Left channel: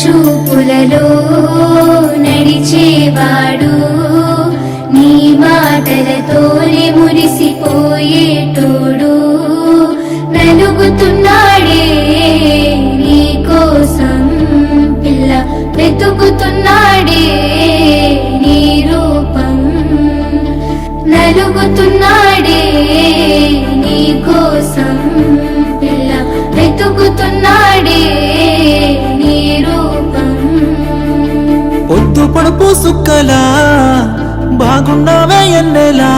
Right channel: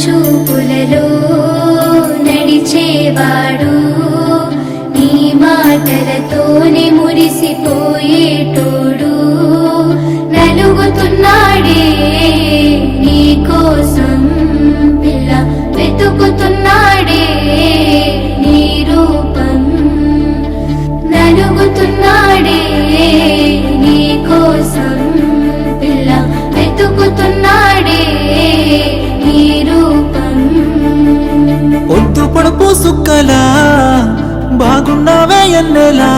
చూపులలో నడిచేవాడు నీ మాటలతోని మురిసిపోయేటోడు నలుగుతున్నాడే నీ కోసం పిల్ల వెతుకుతున్నాడే నీ రూపం నలుగుతున్నాడే నీ కోసం పిల్ల వెతుకుతున్నాడే నీ రూపం పొద్దు పొడుపు సుక్కలా బాగున్నావే ఎన్నెలా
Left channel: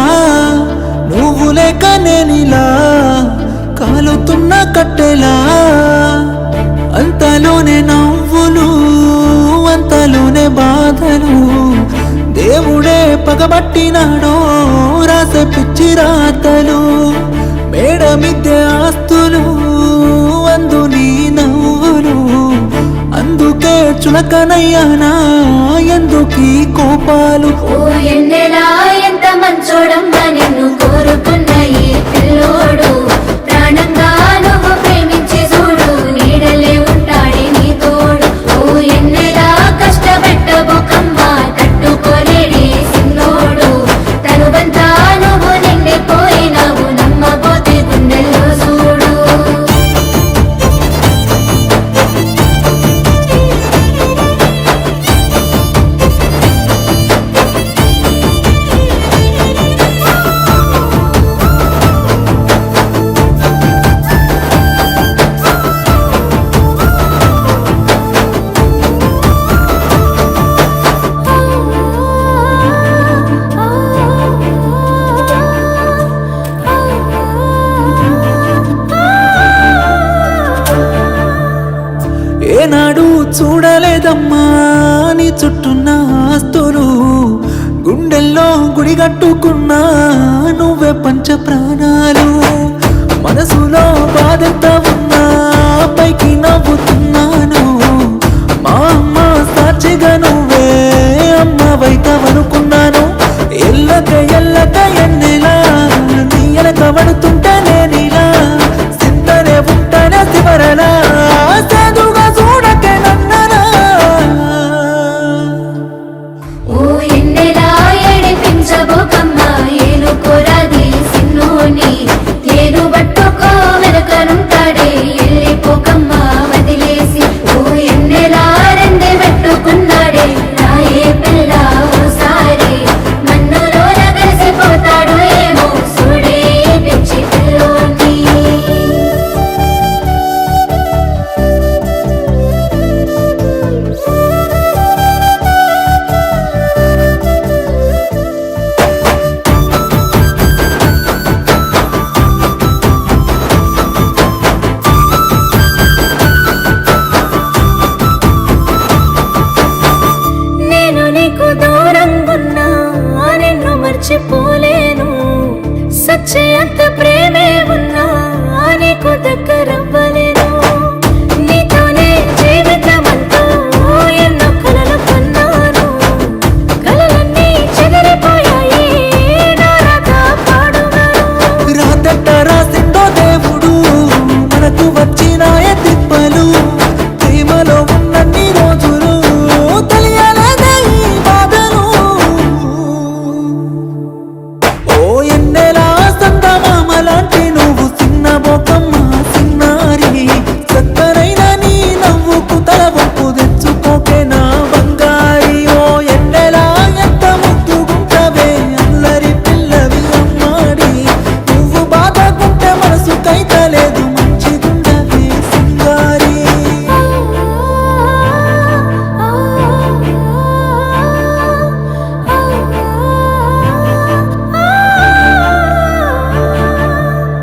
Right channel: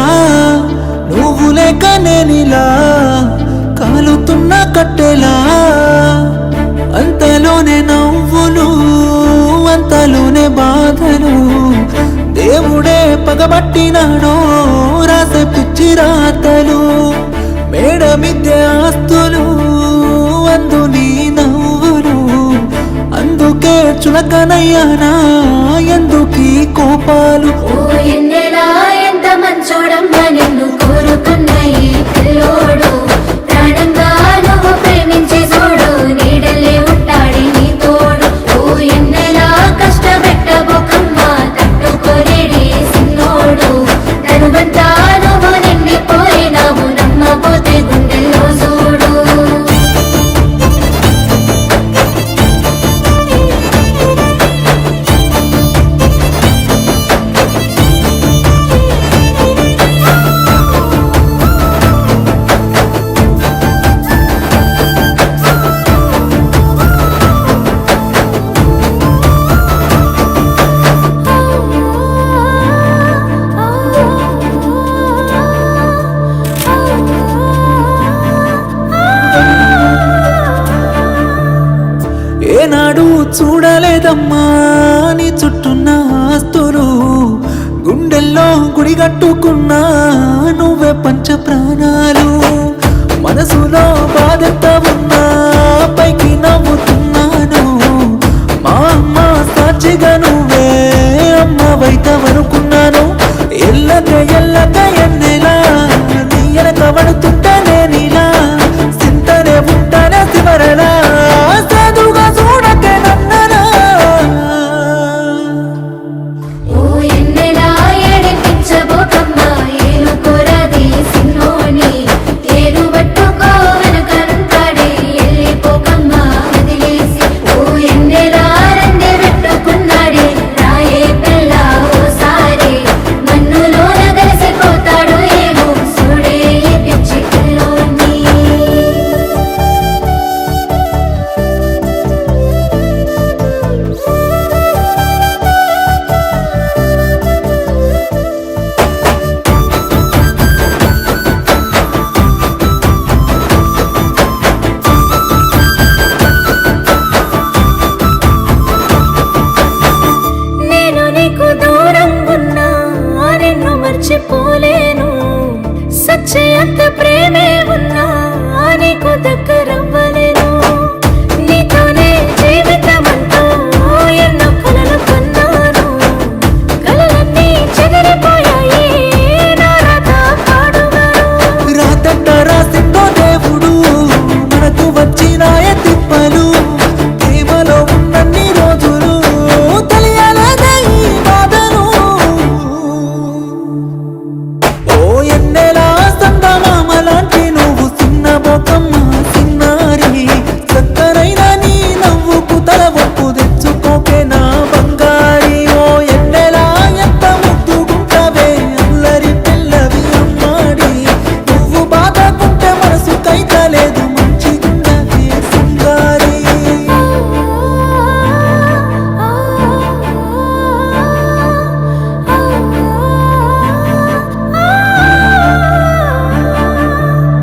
నువ్వు లేక నేనిలా కాలుతున్న కట్టెలా అంతలోనే నవ్వులు అంతలోనే బాధలు దేవుడే పగబట్టినాడో రాసే పిచ్చి రాతలు మేడ మిద్దె ఆస్తులు అందు నీ నవ్వులు అందుకే చులకనయ్యానా ఎందుకీ కోపాలు ఓ ఎన్నెలా ఎంత మంచోడమ్మా నిన్ను కోరుకున్న ఈ పిల్లోడు ప్రాణంగా నువ్వు ప్రేమించే చూడు నీడలే ఉంటాడే నీ తోడు ఓ ఎన్నెలా కష్టపెట్టబోకమ్మా తట్టుకోలేడి సిన్నోడు తనువంతా నువ్వు నిండిపోయినావు నమ్మపోతే గుండెల్లో చూడు ఏనాడు చూడలేదమ్మా నీ చుట్టున్న ఆస్తులు గుండెల్లో గుడిగట్టుకున్నా నువ్వే పంచ ప్రాణాలు మనసులో బాధంత ఉన్నా పైకి నవ్వుతున్నాను మా అమ్మ సాక్షిగా నువ్వే అమ్మవైతవనుకున్నాను ఎల్లక ఎన్నెలా నీ ఎనక పడుతుంటే నేనిలా సింతనే ఉంటానే శివరలా సాధుగా చూడకే నన్నరా ఓ ఎన్నెలా ఏడిపించబోకమ్మా ఏలుకోరాది సిన్నోని తేరు పట్టుకో వెనకనుంటాడే వెళ్ళిపోకమ్మా వదిలేసి ఓ ఎన్నెలా రెండే పెట్టుకున్నాడే రాయే పిల్ల ఓసారి మన్నులోన కలిసిపోతాడు ఏమో చూడే ఈ పిచ్చి పిల్లోని నేను నీకు దూరంగున్నా నిన్ను మర్చిపోలేను సచ్చే అంత ప్రేమే ఉన్నా నీకు దగ్గరవ్వలేను నీతోనే జీవితం అంటూ ఎన్నో కలలు కన్నాను కలలన్నీ చెదిరిపోయాయి నా రాత పాడుగాను రాతట్ట రాసిండో దేవుడు మనకు వచ్చినాయ తిప్పలు ప్రేమలో ఉన్నన్ని రోజులు తెలియలేదే ఈ బాధలు ఓ ఎన్నెలా సందమామలాంటి నువ్వు చిన్న బొకమ్మ సిన్నారి చక్కనైన నీ నవ్వుకు తల వంపు తెచ్చుకోకే నా బంగారి ఓ ఎన్నెలా ఎంత ముద్దుగుంటవే అల్లరి పిల్లవి అమ్మాడి నువ్వు బాధకుంటే మనసు కైతలేదు